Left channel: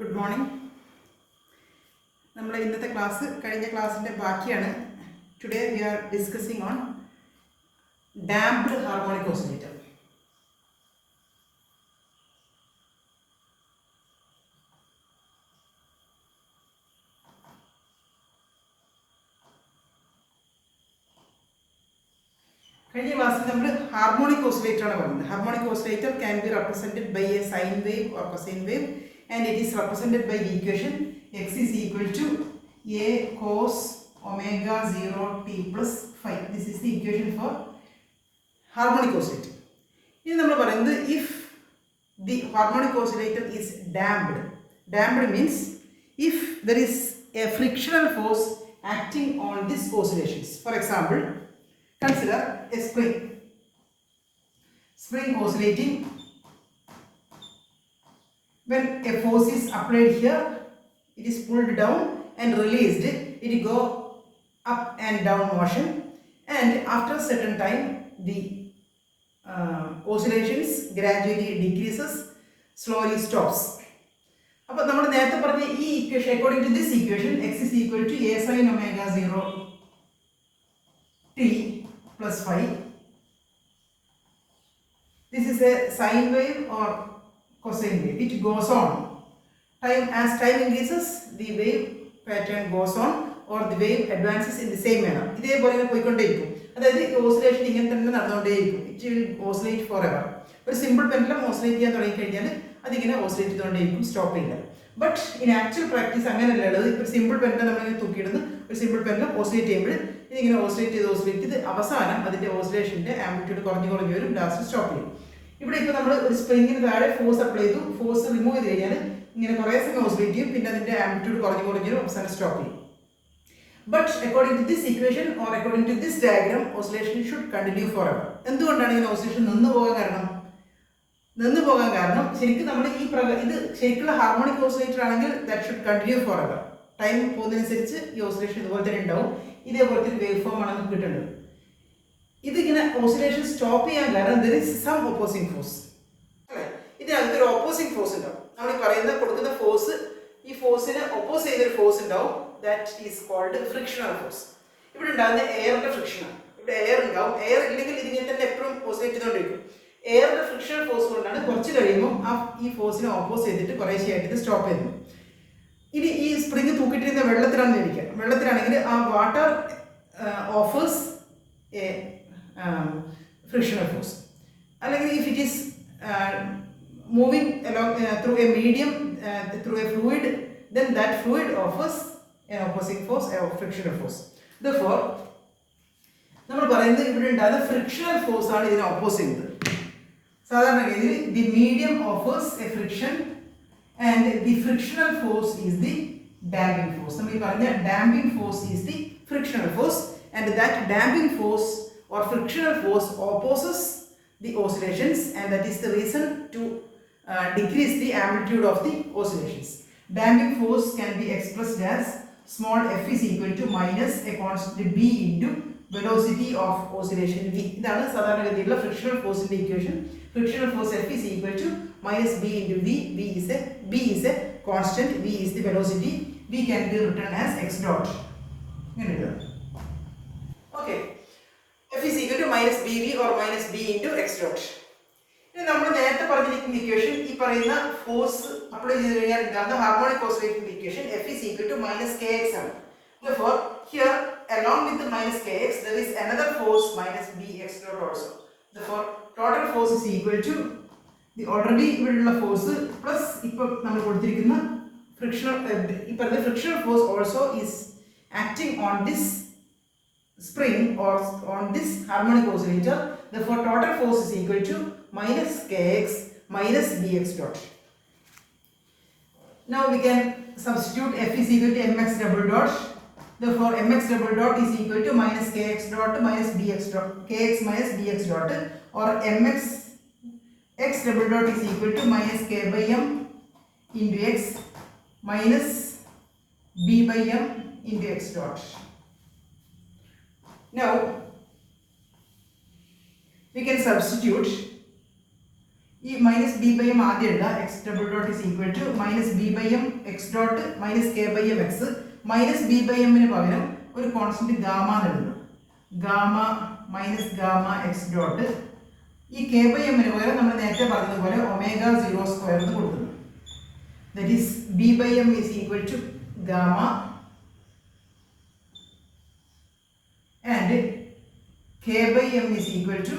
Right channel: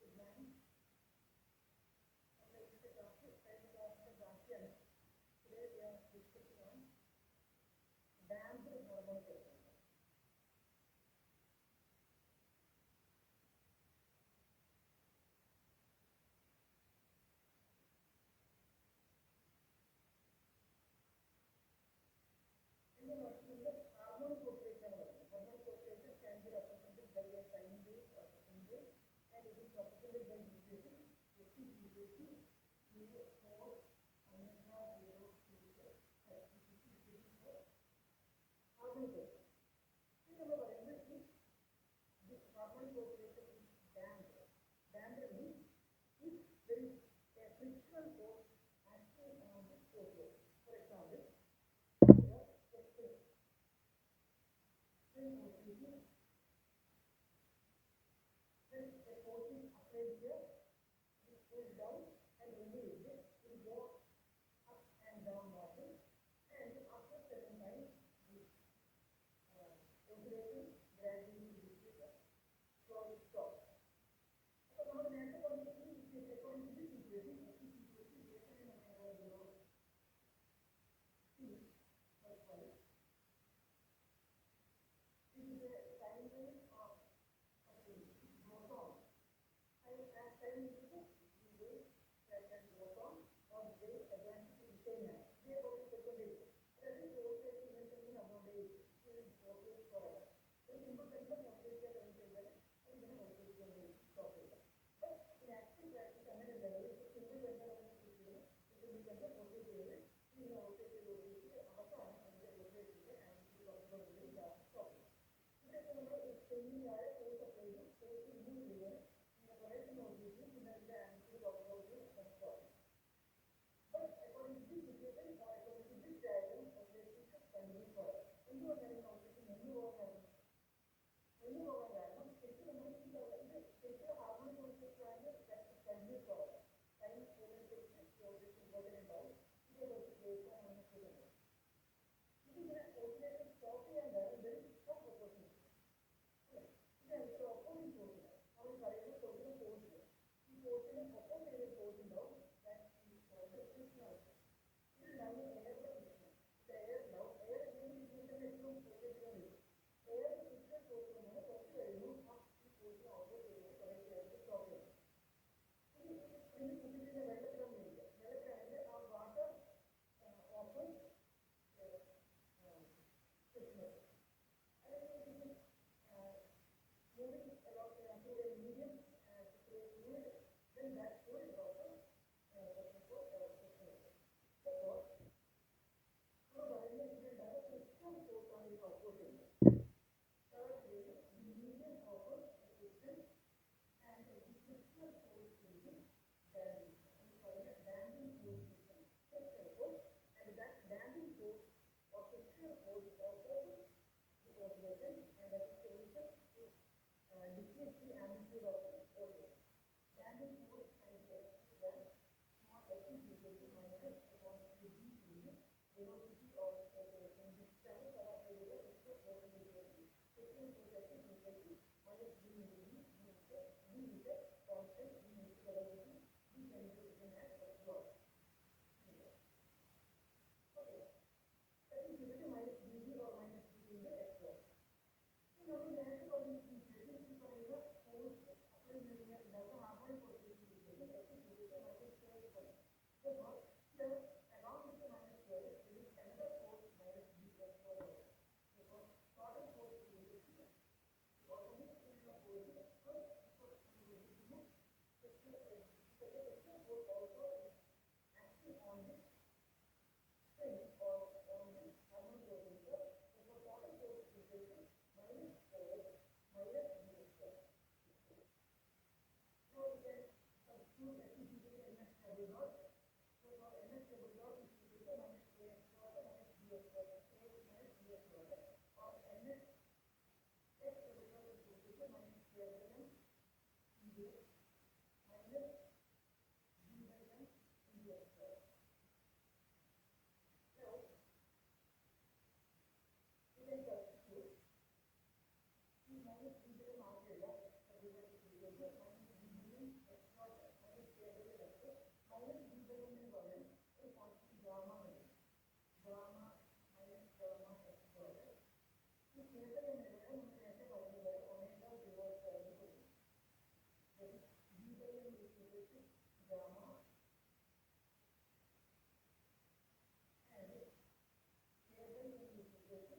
Good morning. നമ്മുടെ ഇന്നത്തെ class കഴിഞ്ഞ ക്ലാസ്സിന്റെ ബാക്കിയാണ്. Today we are discussing on damped harmonic oscillator. കഴിഞ്ഞ ക്ലാസ്സിൽ നമ്മൾ ഹാർമോണിക് ഓസിലേറ്റർ ആണ് പറഞ്ഞത്. Harmonic oscillator can be represented by a sine wave or cosine wave, and it is represented by the equation x is equal to a cos omega 0 t plus phi. This is the equation for harmonic oscillator. ഇനി നമ്മൾ പറയുന്നത് if the harmonic oscillator is damped. Damped means if there is a frictional force acting on these oscillations. For example, consider a spring oscillating. When a force is applied here, it is pulled down and released. It will go up and down motion, and after a certain time the oscillations gradually decreases, slowly stops. അപ്പോൾ നമ്മൾ നേരത്തെ പറഞ്ഞ ഈ equation, according to this equation, x is equal to a sin omega 0 t plus phi. This is a sine wave or cosine wave. It goes on. As time increases, the wave pattern goes on, or the wave advances in the same manner. ഇതേപോലെ പോയിക്കൊണ്ടേയിരിക്കും. അതായത് oscillation ഇങ്ങനെ തന്നെ നടന്നുകൊണ്ടേയിരിക്കും. It will oscillate forever. ഒരു simple pendulum oscillate ചെയ്യാൻ തുടങ്ങിക്കഴിഞ്ഞാൽ അതിങ്ങനെ oscillate ചെയ്തുകൊണ്ടേയിരിക്കും, സ്റ്റോപ്പ് ചെയ്യില്ല. ബട്ട് ഇൻ ആക്ച്വൽ പ്രാക്ടീസ് അങ്ങനെയല്ല ഉള്ളത്. ഇപ്പോൾ സിമ്പിൾ പെൻഡുലം നമ്മളിങ്ങനെ തൂക്കിയിടുന്നു, ഒരു സിമ്പിൾ പെൻഡുലം ഓസിലേറ്റ് ചെയ്യുമ്പോൾ ഇതിങ്ങനെ ഓസിലേറ്റ് ചെയ്ത് അവസാനം അതിൻ്റെ ഓസിലേഷൻ്റെ ആംപ്ലിറ്റ്യൂഡ് കുറഞ്ഞു വരും, ലാസ്റ്റ് സ്റ്റോപ്പ് ചെയ്യും. ഇവിടെ ഇപ്പോൾ നമ്മൾ ഒരു സ്പ്രിങ്ങിന് താഴെ ഫോഴ്സ് അപ്ലൈ ചെയ്തു, ഫോഴ്സ് റിമൂവ് ചെയ്ത് കഴിഞ്ഞാൽ ഇങ്ങനെ കുറേ സമയം ഓസിലേറ്റ് ചെയ്യും, പിന്നെ അതിൻ്റെ ആംപ്ലിറ്റ്യൂഡ് കുറഞ്ഞു വരും, അവസാനം സ്റ്റോപ്പ് ചെയ്യും. But according to this equation or according to this diagram, oscillation should continue forever. എന്തുകൊണ്ടാണ് ഇങ്ങനെ ഓസിലേഷൻ നിന്നു പോകാൻ കാരണം ശരിക്കും നമ്മൾ ഇത് ശരിക്കുള്ള ഹാർമോണിക് ഓസിലേറ്റർ ആണെങ്കിൽ that should continue forever. Time പോകുന്നതിനനുസരിച്ച് ഈ ഓസിലേഷൻ ഇതുപോലെ തന്നെ ഉണ്ടാവും, ഇതേപോലത്തെ ഒരു വേവ് ഫോം ആണ് നമുക്ക് കിട്ടേണ്ടത്. ഇതിങ്ങനെ ഓസിലേഷൻ സ്റ്റോപ്പ് ചെയ്യാൻ കാരണം there is some opposing force അല്ലേ. ഇതിനകത്ത് ഒരു ഓപ്പോസിംഗ് ഫോഴ്സ് ഉണ്ടാവും. നമ്മൾ ഈ പറയുന്ന കൊടുക്കുന്ന ഫോഴ്സ്, ഈ ഫോഴ്സിന് ഒപ്പോസ് ചെയ്തൊരു ഫോഴ്സ് ഉണ്ടാവും, that is called frictional force. ഇവിടെ ഉണ്ടാകുന്ന എയറിന്റെ ഫ്രിക്ഷനാണ്. ഇവിടെ എയർ ഉണ്ടാവും. എയർ ഇല്ലെങ്കിൽ ഇതിങ്ങനെ തന്നെ എപ്പോഴും ഓസിലേറ്റ് ചെയ്തുകൊണ്ടിരിക്കും. എയറിന്റെ ഫ്രിക്ഷണൽ ഫോഴ്സ് കൊണ്ടാണ് കുറച്ച് കഴിയുമ്പോൾ ഈ ഫോഴ്സിനെ ഓപ്പോസ് ചെയ്തിട്ട് കുറേശ്ശെയായിട്ട് ഇത് സ്റ്റോപ്പ് ചെയ്യുന്നത്. ഇനി ഈ സ്പ്രിങ് തൂക്കിട്ടിരുന്ന വെള്ളത്തിലാണെന്ന് ഇരിക്കുക. വെള്ളത്തിലാണെങ്കിൽ ആ water offers A frictional force. അല്ലെങ്കിൽ if it is moving along through a medium, through a fluid, then that fluid offers an opposing force, a frictional force. Therefore നമ്മൾ പറയുന്നത് ഇവിടെ ഉണ്ടാകുന്ന ഫ്രിക്ഷണൽ ഫോഴ്സ് ആണ് ഇതിനെ ഓപ്പോസ് ചെയ്യുന്നത്. സാധാരണഗതിയിൽ the medium offers a friction and the frictional force is the damping force. നമ്മൾ ഈ പറഞ്ഞ damping force is the frictional force, and that damping force or frictional force opposes the oscillations, and that is the reason to decrease the amplitude of the oscillations. Damping force can be expressed as small f is equal to minus a constant b into velocity of oscillation v. ഇതാണ് സാധാരണഗതിയിലുള്ള frictional force ന്റെ equation. Frictional force f is equal to minus b into v. b is a constant, v is the velocity. v can be written as x dot. ഇങ്ങനെ എഴുതാം. Okay. F is equal to minus bv or minus b into x dot. ഇനി നമ്മൾ നേരത്തെ പറഞ്ഞിരിക്കുന്ന equation, ഈ പറയുന്ന force apply ചെയ്ത് കഴിഞ്ഞാൽ ഉണ്ടാകുന്ന ഹാർമോണിക് ഓസിലേറ്ററിന്റെ equation F is equal to minus kx ആണ്. Therefore here along with the minus kx there is another force minus bx dot also. Therefore total force is equal to the already ഇവിടെയുള്ള force plus ഇപ്പോൾ നമ്മൾ കൊടുത്തിരിക്കുന്ന frictional, ഈ പറയുന്ന frictional force also is acting on this spring or on this harmonic oscillator. Therefore total force is equal to minus kx minus bx dot. Now we can substitute F is equal to mx double dot. Therefore mx double dot is equal to minus kx dot minus bx dot, kx minus bx dot, or mx x double dot is equal to minus k by m into x minus b by m into x dot. Now we can substitute ഈ minus B by M ആദ്യം എഴുതുക. X double dot is equal to minus B by M X dot minus K by M X. Minus B by എമ്മിന് പകരം ഒരു constant gamma എന്ന് എഴുതുന്നു. Gamma minus gamma X dot. ഈ K by എമ്മിന് പകരം നമ്മൾ നേരത്തെ പറഞ്ഞതുപോലെ ഒമേഗ 0 സ്ക്വയർ എന്ന് കൊടുക്കുന്നു. That is B by M is equal to gamma and K by M is equal to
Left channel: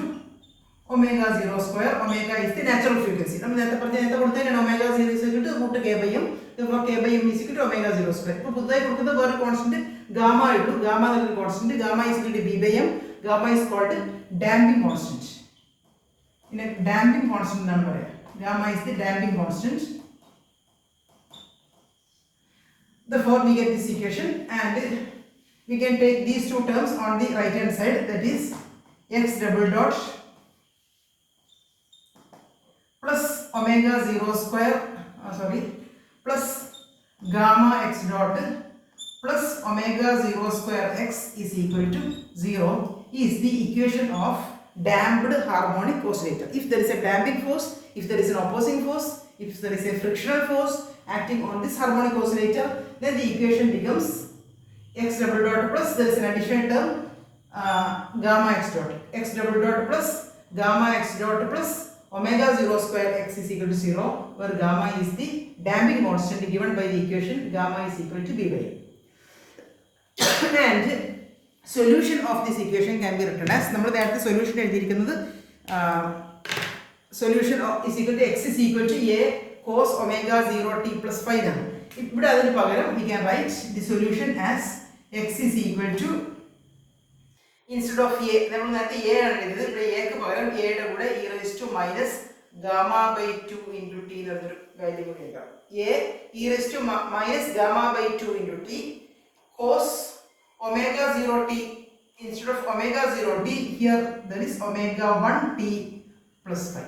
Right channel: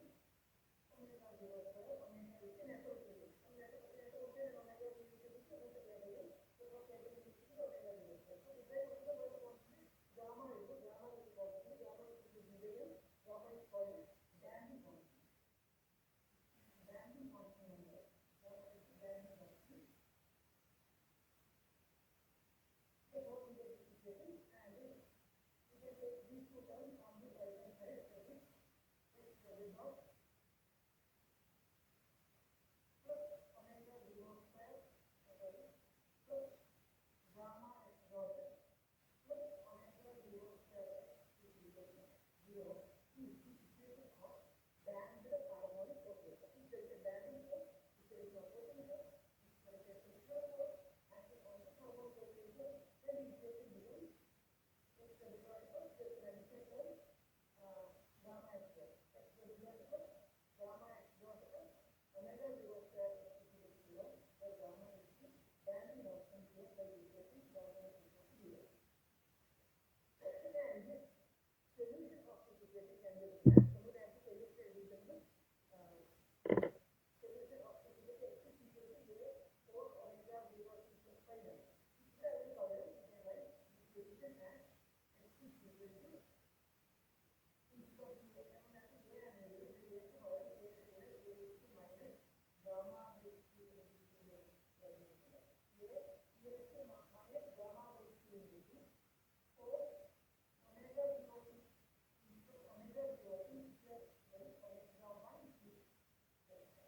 omega 0 square. Omega is the natural frequency. നമ്മൾ നേരത്തെ കൊടുത്തതിനാണ് omega 0 is equal to root k by m. Therefore k by m is equal to omega 0 square. ഇപ്പോൾ പുതുതായി കൊടുക്കുന്ന വേറെ constant gamma ഇട്ടു. Gamma എന്നൊരു constant. Gamma is equal to b by m. Gamma is called damping constant. ഇനി damping constant എന്നാണ് പറയുക. Gamma is the damping constant. Therefore we get this equation and we can take these two terms on the right hand side, that is x double dot plus omega 0 square plus gamma x dot plus omega 0 square x is equal to 0 is the equation of damped harmonic oscillator. If there is a damping force, if there is an opposing force, if there is a frictional force acting on this harmonic oscillator, then the equation becomes x double dot plus there is an additional term gamma x dot. X double dot plus gamma x dot plus omega 0 square x is equal to 0, where gamma is the damping constant given by the equation gamma is equal to b by m. And solution of this equation can be written as നമ്മൾ നേരത്തെ solution എഴുതിയിരിക്കുന്നത് solution is equal to x is equal to a cos omega 0 t plus 5 ആണ്. ഇവിടെ അതിന് പകരം we can write the solution as x is equal to, instead of a നമ്മൾ നേരത്തെ a ആണ് എഴുതിയത്, ഇവിടെ a ക്ക് പകരം a യുടെ കൂടെ e raised to minus gamma by 2 into t എന്നൊരു വാല്യൂ കൂടി എഴുതാം. a e raised to minus gamma by 2 into t cos omega 0 t. Instead of omega 0 t, here there is omega 1 t plus 5.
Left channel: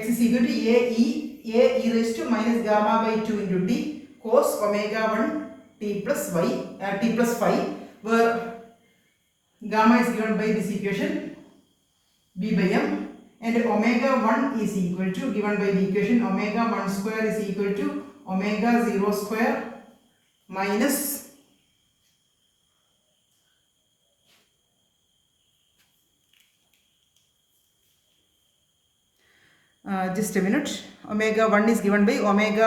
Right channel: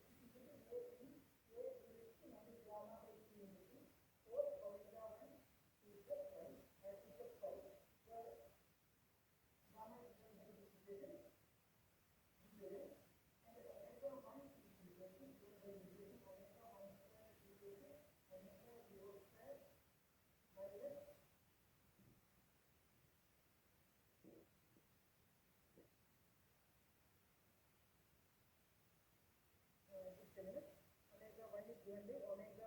X is equal to a e raised to minus gamma by 2 into t cos omega 1 t plus y t plus 5, where gamma is given by this equation b by m and omega 1 is equal to, given by the equation omega 1 square is equal to omega 0 square minus just a minute, omega 1 is given by omega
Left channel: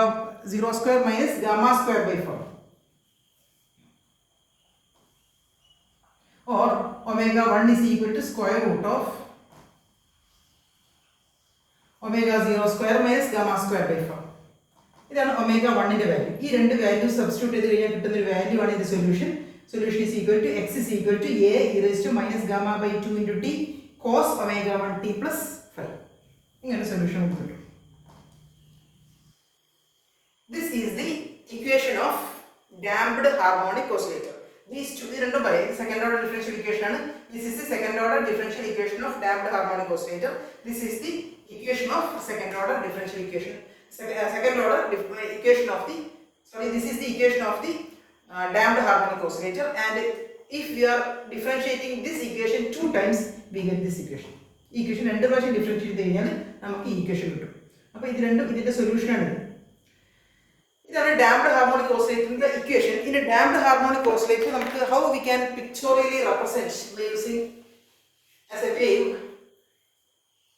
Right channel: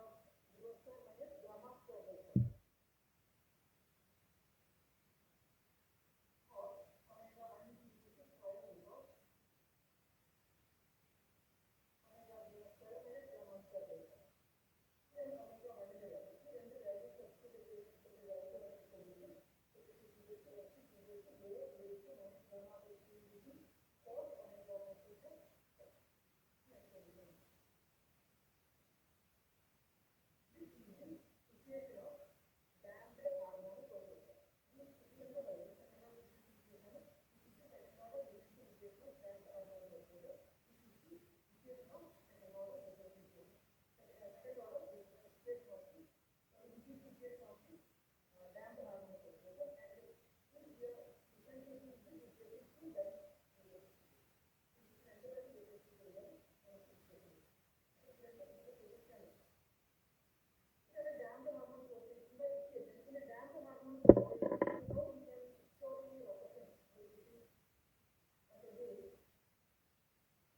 0 square minus gamma square by 4, or omega 1 is equal to square root of omega 0 square minus gamma square by 4. ഇതാണ് omega 1ന്റെ value. ഈ രണ്ട് value substitute ചെയ്ത് കഴിഞ്ഞാൽ കിട്ടുന്ന ഒരു value ആണ് ഇത് solution. Solution is equal to x is equal to a e raised to minus gamma by 2 into t cos omega 1 t plus 5. ഇങ്ങനെ സൊല്യൂഷൻ കിട്ടും. This is the equation of damped harmonic oscillator. These two, ഇത് രണ്ടും പറയാം. Second order differential equation ആണ്. This is the second order differential equation of damped harmonic oscillator. This is the equation of second order differential equation. Second order equation of the, this is the equation of the damped harmonic oscillator, and if we are differentiating this equation 2 times, we get this equation. Equation രണ്ട് പ്രാവശ്യം differentiate ചെയ്ത് കഴിഞ്ഞാൽ നമുക്ക് ഈ equation കിട്ടും. അപ്പോൾ ഇത് രണ്ടും ഇതിന്റെ സൊല്യൂഷൻ ആണ്. ഇതാണ് ഡാംപ്ഡ് ഹാർമോണിക് ഓസിലേറ്ററിന്റെ equation. In damped harmonic oscillator നമുക്ക് how we can pictorially represent by using as a wave,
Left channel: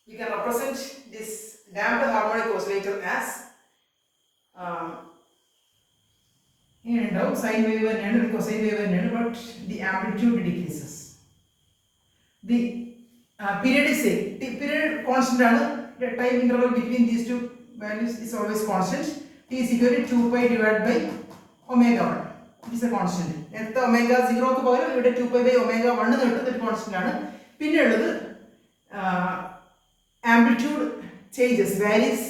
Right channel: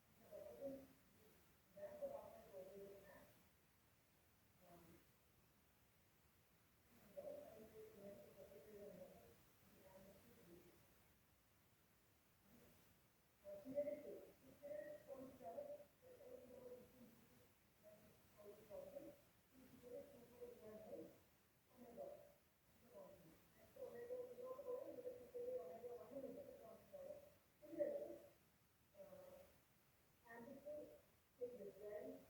we can represent this damped harmonic oscillator as sine wave and cosine wave and but the amplitude decreases. The period is same. The period constant ആണ്. The time interval between these two values is always constant. T is equal to 2 pi divided by omega 1. It is a constant. നേരത്തെ omega 0 ക്ക് പകരം ഇവിടെ 2 pi by omega 1 എന്ന് കിട്ടുന്ന ഒരു constant ആണ്. പിന്നെ ഉള്ളത് amplitude changes, varies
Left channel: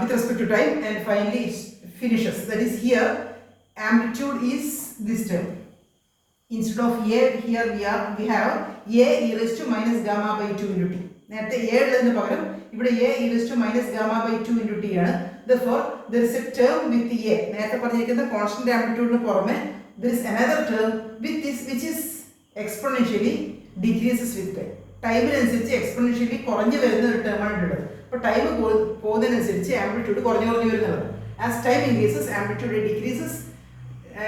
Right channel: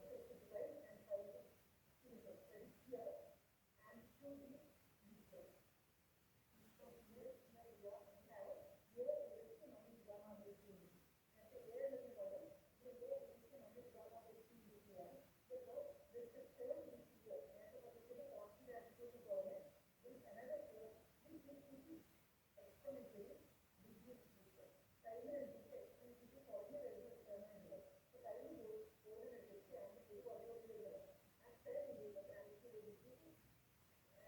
with respect to time, and finally it finishes. That is, here amplitude is this term. Instead of a, here we have a e raised to minus gamma by 2 into t. നേരത്തെ a ഉള്ളതിന് പകരം ഇവിടെ a e raised to minus gamma by 2 into t ആണ്. Therefore there is a term with a. നേരത്തെ പറഞ്ഞിരിക്കുന്ന constant ആംപ്ലിറ്റ്യൂഡിന് പുറമെ there is another term with this which is exponentially decreases with time. ടൈമിനനുസരിച്ച് exponentially കുറഞ്ഞു വരുന്ന ഒരു ടേമാണ് ഉള്ളത്. അപ്പോൾ ടൈം പോകുന്നതിനനുസരിച്ച് ആംപ്ലിറ്റ്യൂഡ് കുറഞ്ഞു വരുന്നത്. As time increases amplitude decreases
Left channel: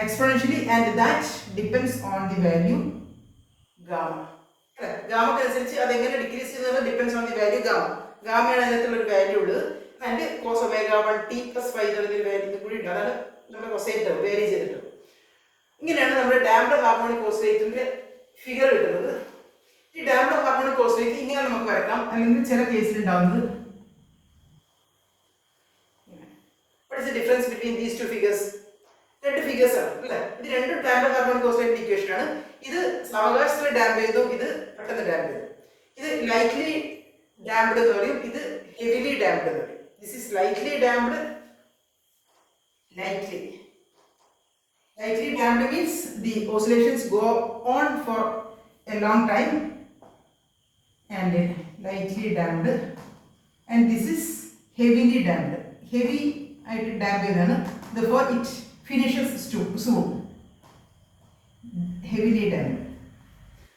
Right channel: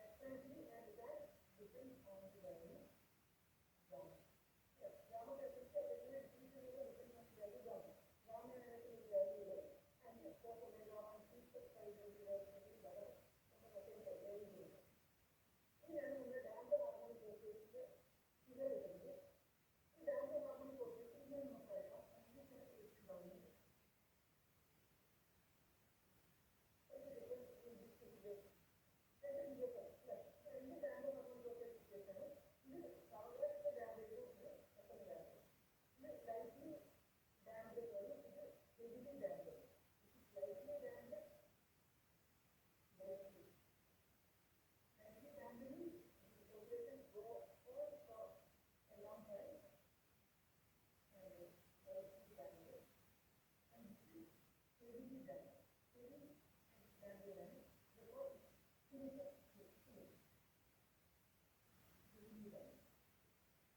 exponentially and that depends on the value gamma. ഗാമക്ക് അനുസരിച്ച് അത് എങ്ങനെ ഡിക്രീസ് ചെയ്യുന്നത് depends on the value gamma. ഗാമയാണ് അതിനകത്തുള്ള ഒരു വാല്യൂ ഉള്ളത്. ആൻഡ് കോസ് ഒമേഗ 1t + 5 എന്നൊരു വാല്യൂ കൂടി ഉണ്ട്. അതാണ് നമ്മുടെ കൊസൈൻ ടേം വേരി ചെയ്തിട്ട്. ഇങ്ങനെയാണ് നമ്മുടെ ഡാംപ്ഡ് ഹാർമോണിക് ഓസിലേറ്ററിന്റെ ഫിഗർ കിട്ടുന്നത്. ഈ ഡാംപ്ഡ് ഹാർമോണിക് ഓസിലേറ്റർ ഇങ്ങനെ നമുക്ക് വരക്കാം. അല്ലെങ്കിൽ ചില കേസിൽ ഉണ്ടാവുന്നത് what is the difference between these two figures? രണ്ട് ഫിഗേഴ്സ് ആണ് അല്ലേ? ഇത് രണ്ടും ഡാംപ്ഡ് ഹാർമോണിക് ഓസിലേറ്റർ ഇക്വേഷൻ ആണ്. ഇത് സാവകാശത്തിൽ ഡാംപ് ചെയ്തു, ഇത് പെട്ടെന്ന് ഡാംപ് ചെയ്തു. ഇത് ലൈറ്റ്ലി ഡാംപ്ഡ് എന്ന് പറയും, ഇത് ഹെവിലി ഡാംപ്ഡ് എന്ന് പറയും. This is lightly damped. Lightly damped means the oscillations go on for a long time, and lightly damped, and this is heavily damped. Heavy ആയിട്ട് ഡാംപ് ചെയ്താണ്. Therefore it finishes soon. Heavily damped.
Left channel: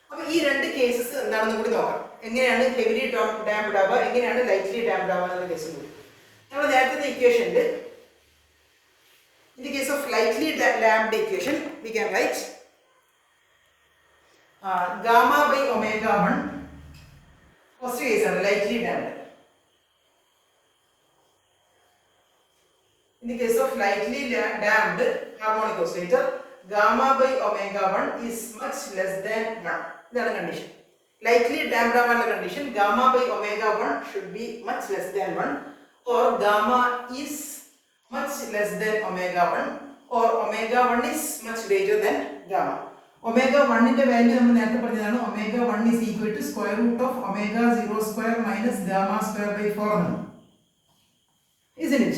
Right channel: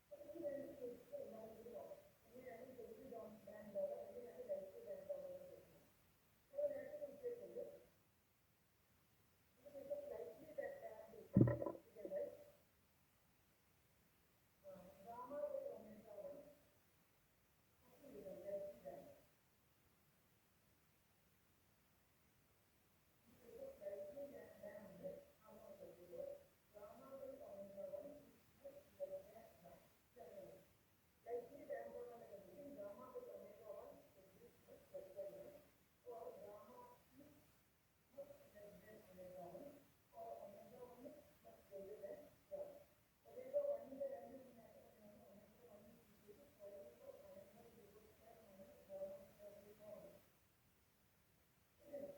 അപ്പോൾ ഈ രണ്ട് cases എന്താണെന്ന് കൂടി നോക്കാം. എങ്ങനെയാണ് heavily damped ആവുക, എങ്ങനെയാണ് ലൈറ്റ്ലി ഡാംപ്ഡ് ആവുക എന്നുള്ള കേസ് കൂടി. നമ്മൾ നേരത്തെ ഇക്വേഷനിൽ in the case of lightly damped equation we can write gamma by omega 1. first case ആണ് lightly damped. In the case of lightly damped harmonic oscillator, gamma by omega 1 is much less than 1. ഇതാണ് condition. Lightly damped ആവാനുള്ള condition gamma by omega 1 should be much less than 1, or gamma is much less than omega 1, or omega 1 is much greater than gamma. Omega 1 ന്റെ value നമ്മൾ നേരത്തെ പറഞ്ഞതാണ്. omega 1 is equal to square root of omega 0 square minus gamma square by 4 ആണ്. Isn't it?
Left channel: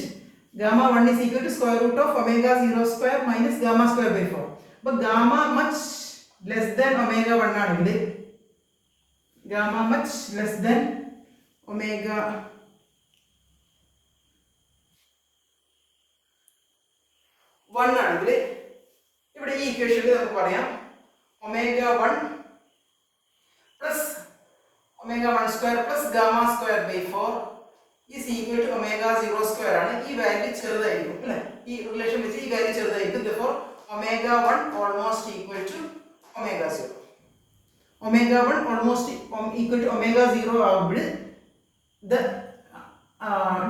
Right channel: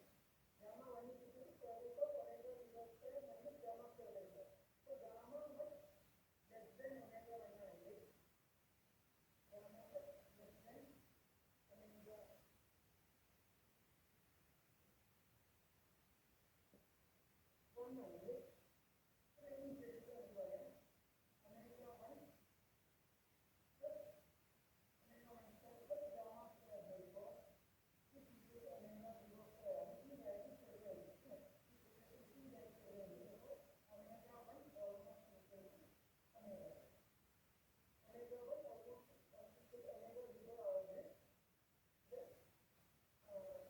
Gamma 1 is equal to square root of omega 0 square minus gamma square by 4. But gamma much less than omega 1 ആണെങ്കിൽ gamma much less than omega 1 ആണെങ്കിൽ ഇവിടെ ഈ ഇക്വേഷനിൽ നമുക്ക് പറയാം omega 1 plus omega 1 square plus gamma square by 4 is equal to omega 0 square ആണ്. ഈ value ചെറുതായിരിക്കും അല്ലേ? ഈ റിലേഷൻ വെച്ച് ഈ വാല്യൂ ചെറുതായിരിക്കും. therefore omega 1 almost equal to omega 0. omega 1 almost equal to omega 0 ആവുമ്പോൾ the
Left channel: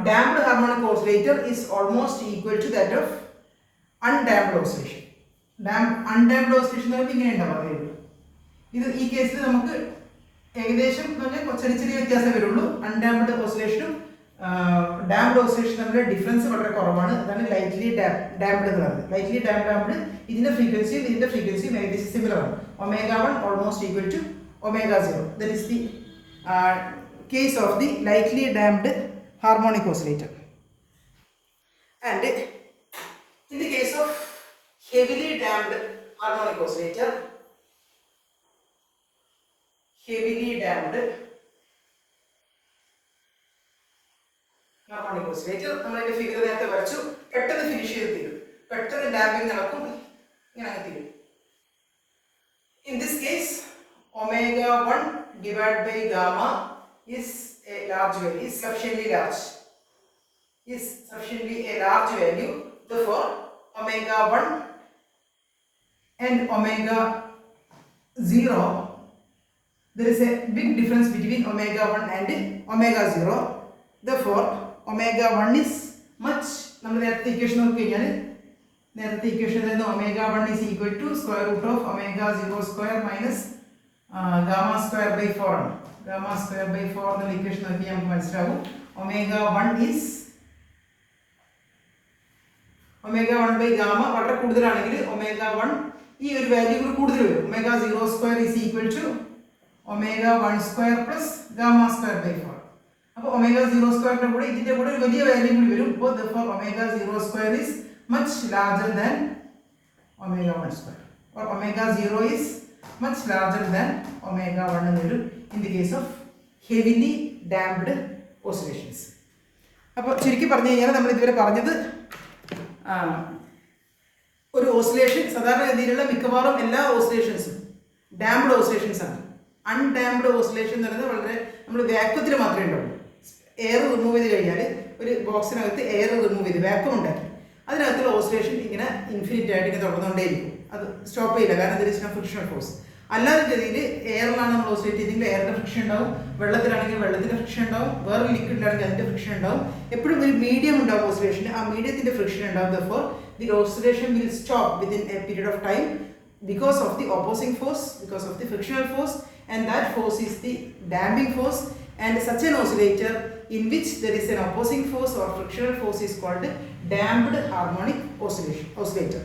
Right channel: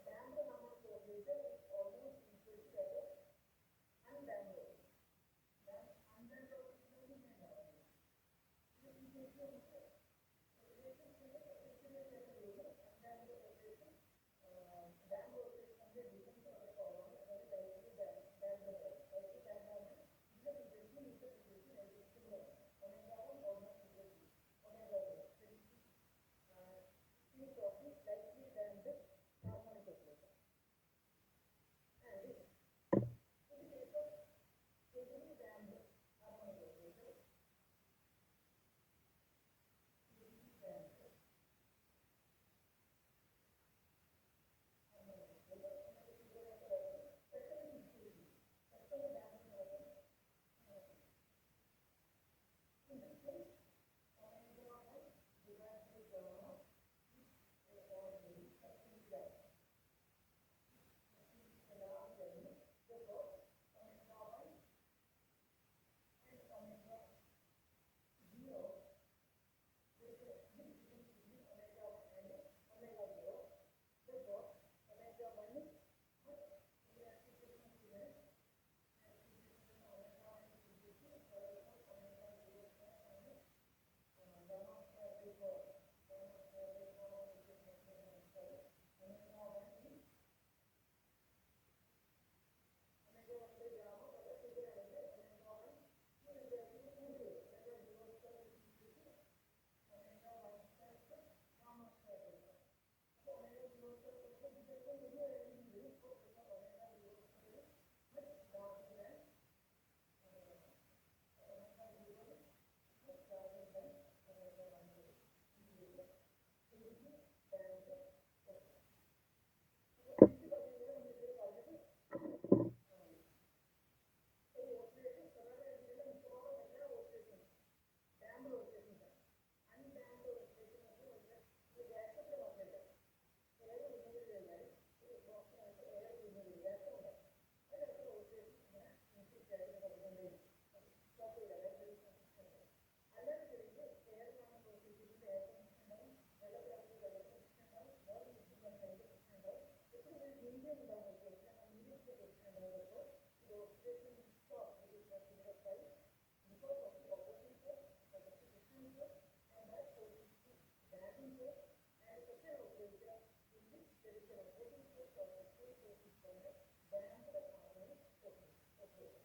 damped harmonic oscillator is almost equal to that of undamped oscillation. undamped oscillation എന്ന് ഇങ്ങനെ ഉണ്ടാവുക. ഇത് ഈ കേസിൽ നമുക്ക് ഏകദേശം ചെറിയ ചെറിയ വ്യത്യാസം വരുള്ളൂ. അൺഡാംപ്ഡ് ഓസിലേഷനും ഡാംപ്ഡ് ഓസിലേഷൻ തമ്മിലുള്ള ഡിഫറൻസ് വളരെ കുറവാണ്. അതാണ് ലൈറ്റ്ലി ഡാംപ്ഡ് എന്ന് പറയുന്നത്. ലൈറ്റ്ലി ഡാംപ്ഡ് ആകുമ്പോൾ ഇതിന്റെ ഫ്രീക്വൻസിയും ഏകദേശം സിമിലർ ആണ്. omega 1 almost equal to omega 0. that is the case of the lightly damped harmonic oscillator. And in the case of heavily damped harmonic oscillator, നമ്മളിന്റെ ഫിഗർ നേരത്തെ വരച്ചു. പെട്ടെന്ന് ഫിനിഷ് ചെയ്ത് തീരും, പെട്ടെന്ന് ഡാമ്പിംഗ് നടക്കും, ഇങ്ങനെ തീരും. In this case omega 1 divided by gamma is a large value, is sufficiently a large value. Therefore omega 1 and omega 0, there is a big difference between omega 1 and omega 0. Therefore omega 1 is much, നമ്മൾ നേരത്തെ equation നോക്കിക്കഴിഞ്ഞാൽ നേരത്തെ equation തന്നെ omega 1 is equal to square root of omega 0 square minus gamma square by 4 ആണ്. gamma square by 4 എന്ന equation നോക്കി നമുക്ക് മനസ്സിലാവും omega 1 by gamma വളരെ കൂടുതലാണെങ്കിൽ omega 1 ഈ ഒരു വാല്യൂ കൂടുതൽ വരും. omega 0 square is equal to omega 1 square plus gamma square by 4. അപ്പോൾ omega 0 square കൂടെ ഇതിന്റെ കൂടെ ഒരു വലിയ വാല്യൂ കൂടി വരും. അപ്പോൾ therefore omega 0 square is much larger than omega 1 square, or omega 0 is much larger than omega 1 എന്ന് വരും in the case of heavily damped oscillations. അപ്പോൾ ചുരുക്കി പറഞ്ഞു കഴിഞ്ഞാൽ നമ്മൾ ഇതുവരെ പറഞ്ഞത് ഒരു ഓസിലേഷൻ സാധാരണ രീതിയിലുള്ള മിക്കവാറും എല്ലാ ഓസിലേഷൻസും ഡാംപ്ഡ് ഓസിലേഷൻസ് ആണ്. അൺഡാംപ്ഡ് ഓസിലേഷൻ എന്ന് പറയുന്നത് വളരെ നമ്മൾ വാക്വത്തിൽ മാത്രമേ ഉണ്ടാവുള്ളൂ. എയർ റിമൂവ് ചെയ്ത് കഴിഞ്ഞാൽ ഒരു ബോക്സിനകത്ത് എയർ റിമൂവ് ചെയ്ത് വാക്വം ഉണ്ടാക്കി അതിനകത്തുള്ള ഓസിലേഷൻ ഇങ്ങനെ ഇൻഫിനിറ്റ് ആയിട്ട് ഇങ്ങനെ തുടർന്നുകൊണ്ടേയിരിക്കും. അത് സ്റ്റോപ്പ് ചെയ്യില്ല, കാരണം there is no frictional force. അല്ലാതെ ഗതിയിൽ എയറിലാണ് നമ്മൾ ഓസിലേറ്റ് ചെയ്തെങ്കിൽ എയറിൻ്റെ ഫ്രിക്ഷൻ ഉണ്ടാവും, വെള്ളത്തിലാണെങ്കിൽ വെള്ളത്തിൻ്റെ ഫ്രിക്ഷൻ ഉണ്ടാവും, വേറെ ലിക്വിഡിലാണെങ്കിൽ അതിൻ്റെ ഫ്രിക്ഷൻ ഉണ്ടാവും. എപ്പോഴും ഒരു മീഡിയം ഉണ്ടാവും ഓസിലേഷന്, ആ മീഡിയത്തിൻ്റെ ഫ്രിക്ഷൻ ഉണ്ടാവും. Therefore the oscillation will stop within A period of time because of the opposing force, because of the frictional force, and that force is the damping force. And such an oscillator in which there is an opposing force or frictional force is called damped harmonic oscillator.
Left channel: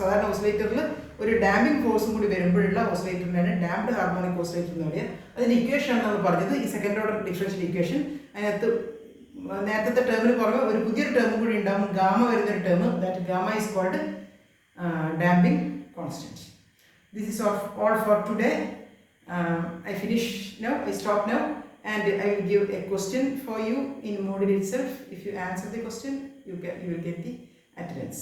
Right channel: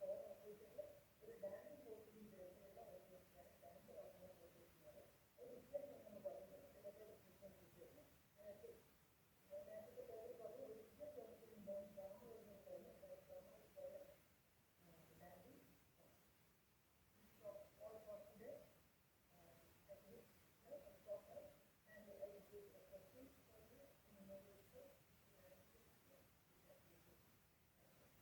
സാധാരണ ഓസിലേറ്ററിൽ ഒരു damping ഫോഴ്സും കൂടി വരുമ്പോഴുള്ള ഓസിലേറ്ററിനാണ് damped harmonic oscillator എന്ന് പറയുക. അതിൻ്റെ ഇക്വേഷനാണ് നമ്മൾ പറഞ്ഞത്, ഈ സെക്കൻഡ് ഓർഡർ ഡിഫറൻഷ്യൽ ഇക്വേഷൻ. അതിനകത്ത് നേരത്തെ ടേമിന് പുറമെ ഒരു പുതിയൊരു ടേം കൂടി ഉണ്ടാകും, ഗാമ വരുന്നൊരു term. That gamma is called damping constant. This is all for today. I finish now, I stop now, and I will give a question for you in module itself. If you answer the question, you will get the attendance.